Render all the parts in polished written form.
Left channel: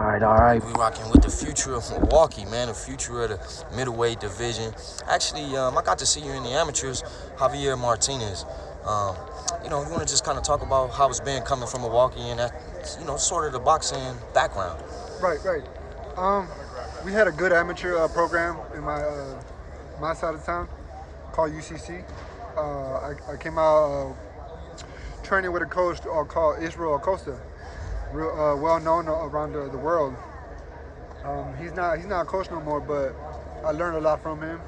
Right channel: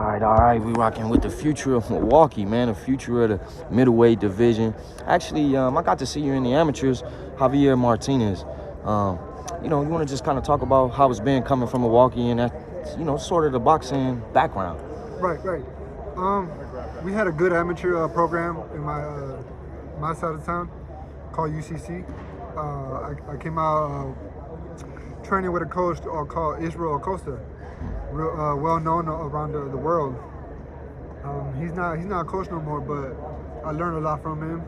All right. We rocking with the future of Milwaukee, man. The future of the middleweight division. Actually, I got to see you in the amateurs, Javier Martinez. You want to just kind of talk about how it's been coming from Milwaukee and that, sort of the boxing background. Right. We had a good amateur program in my side of town called UCC. I came out training with a coach called Israel Acosta, well known around the world. He's not a coach no more, but I learned a lot from him.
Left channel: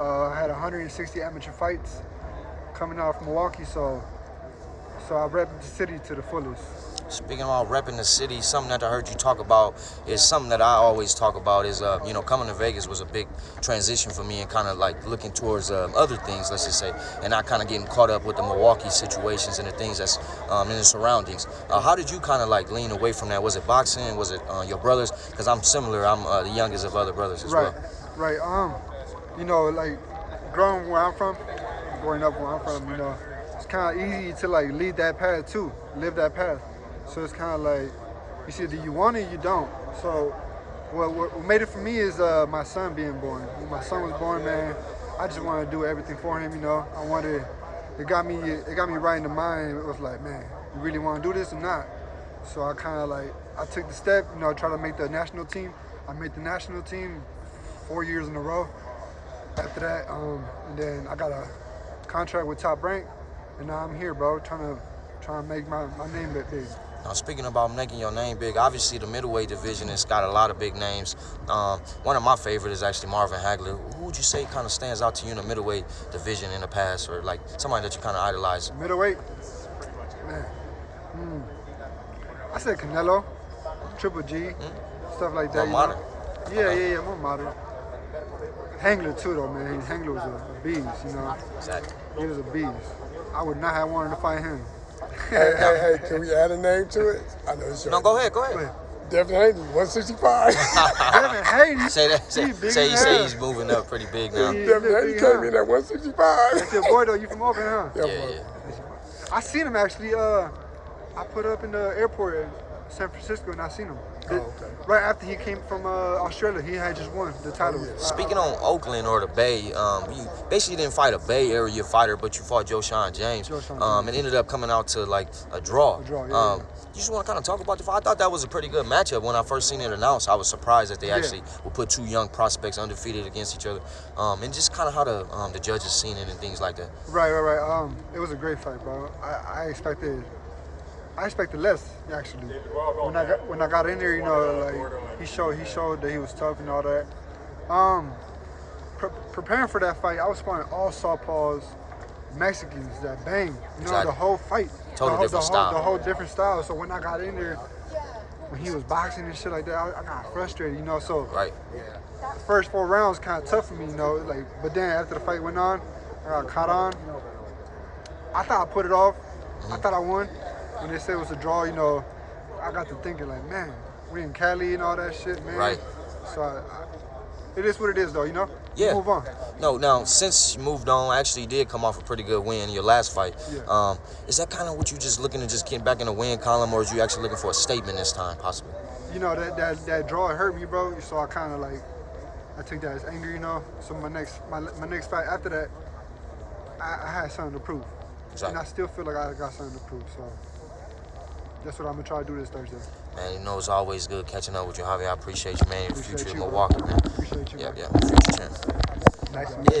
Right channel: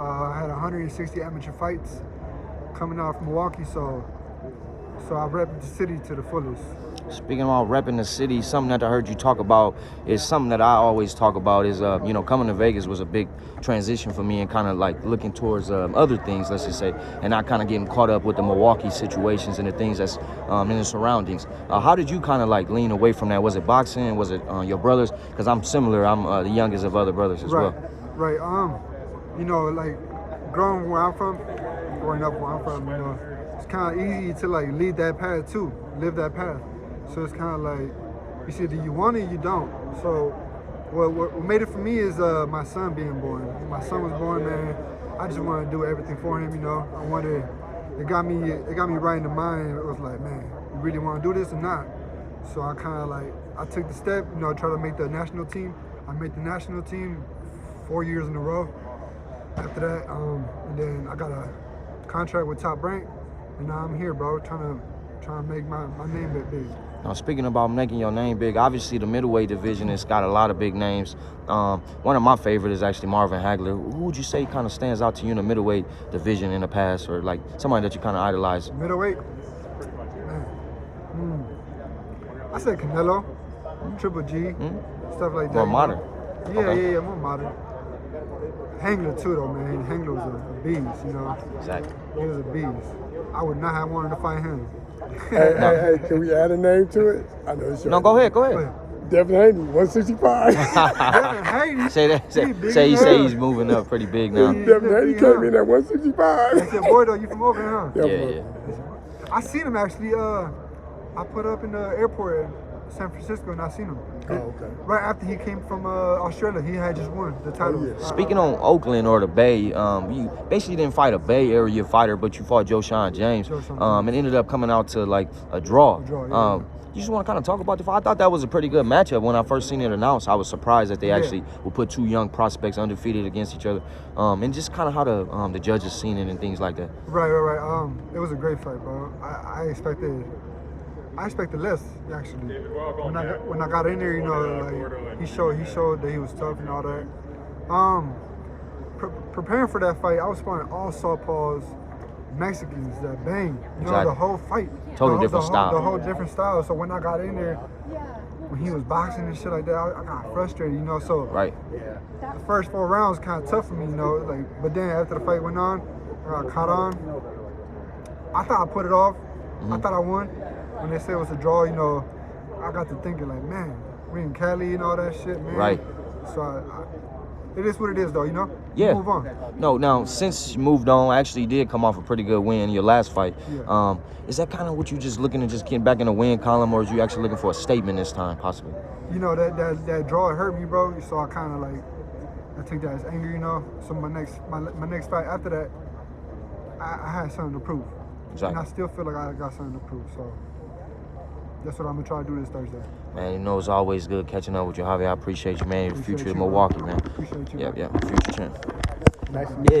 I had 160 amateur fights coming out from Milwaukee, so I repped the city to the fullest. Speaking about repping the city, something that I heard you talk about is something that I always talk about is, coming to Vegas was a big transition for me and kind of like looking towards other things, let's just say, and not kind of getting caught up with the Milwaukee situations and the things that's in the surroundings. How did you kind of like lean away from that? Was it boxing? Was it your brothers? Because I'm similar. I'm the youngest of other brothers as well. Right. Like growing up where I'm from, it's kind of easy to like lead that path too, live that path. So it's kind of like, you either you want it or you don't. So what made it for me is my son being born. When my son was born, man, I just wanted to do everything for him, it got me right in the mind. It was like, man, you really want to do this or not? So I kind of like, I took the step, try to make the national team. I made the national team 4 years in a row. After that, and then I got a contract with Top Rank, and now I'm here, bro, trying to make my name big. Now, speaking about making your name big, obviously the middleweight division has got a lot of big names. One of my favorites is actually Marvin Hagler. Who would you say kind of stands out to you in the middleweight division in the past, or like somebody that you kind of idolize? Middleweight? Man. I said Canelo, Triple G, stuff like that. More modern. Yeah, more modern. Hagler too, though, man. Hagler was a beast, Exactly. He was a beast. I would not have wanted to fight him. Hey, can we add a name to it? I know it's No, go ahead. Devin Haney, 165. Devin Haney? Say he's moving up pretty big now. Devin Haney came in at 165. That's your boy, though. You from Oakland, huh? Yeah. I seen him, actually. I put up in the airport in San Francisco, and I seen him. Okay. Right after he came from Australia, he had just won the title. Speaking on Oakland or the Bay, you basically didn't fight a Bay Area fighter, but you fought Joshon James. And ended up coming out to like a draw. Yeah. You just want to kind of talk about the fight? I thought that was a pretty good matchup when I first seen it announced. I was surprised that they actually would put two young prospects undefeated against each other, and just kind of how the judges seen it and things like that. Right. It was a great fight, bro. I expected less, actually. When I got in there, like he showed that he was tough and all that. Preparing for that fight, I was sparring all southpaws, Mexicans that bang. The whole fight. Totally different style. The whole different style. So when I got in there, when he was boxing and shit like that, I got frustrated, So right. The first 4 rounds kind of tough for me, But then after the fight went on, I got caught on. I thought I put it off. I thought I won. When they said it was a draw, I got to thinking like, man, we in Cali and all that shit, man. Right. So it is what it is, though, Yeah. Move on. No, since you moved on, actually you did come off a pretty good win in your last fight. Yeah. Is that kind of what you just looking to just get back in the win column, or is you actually looking for a statement this time, possibly? That draw hurt me, bro. So I kind of like, I took that as anger, So my next fight after that, I had something to prove. Exactly. And I still feel like I got something to prove, so that's what I'm going to try to do this Thursday. Man, it's always good catching up with you, Javier. I appreciate you, man. Future you, Milwaukee, man. Appreciate you. Yeah. Future champ. Nice. Yeah.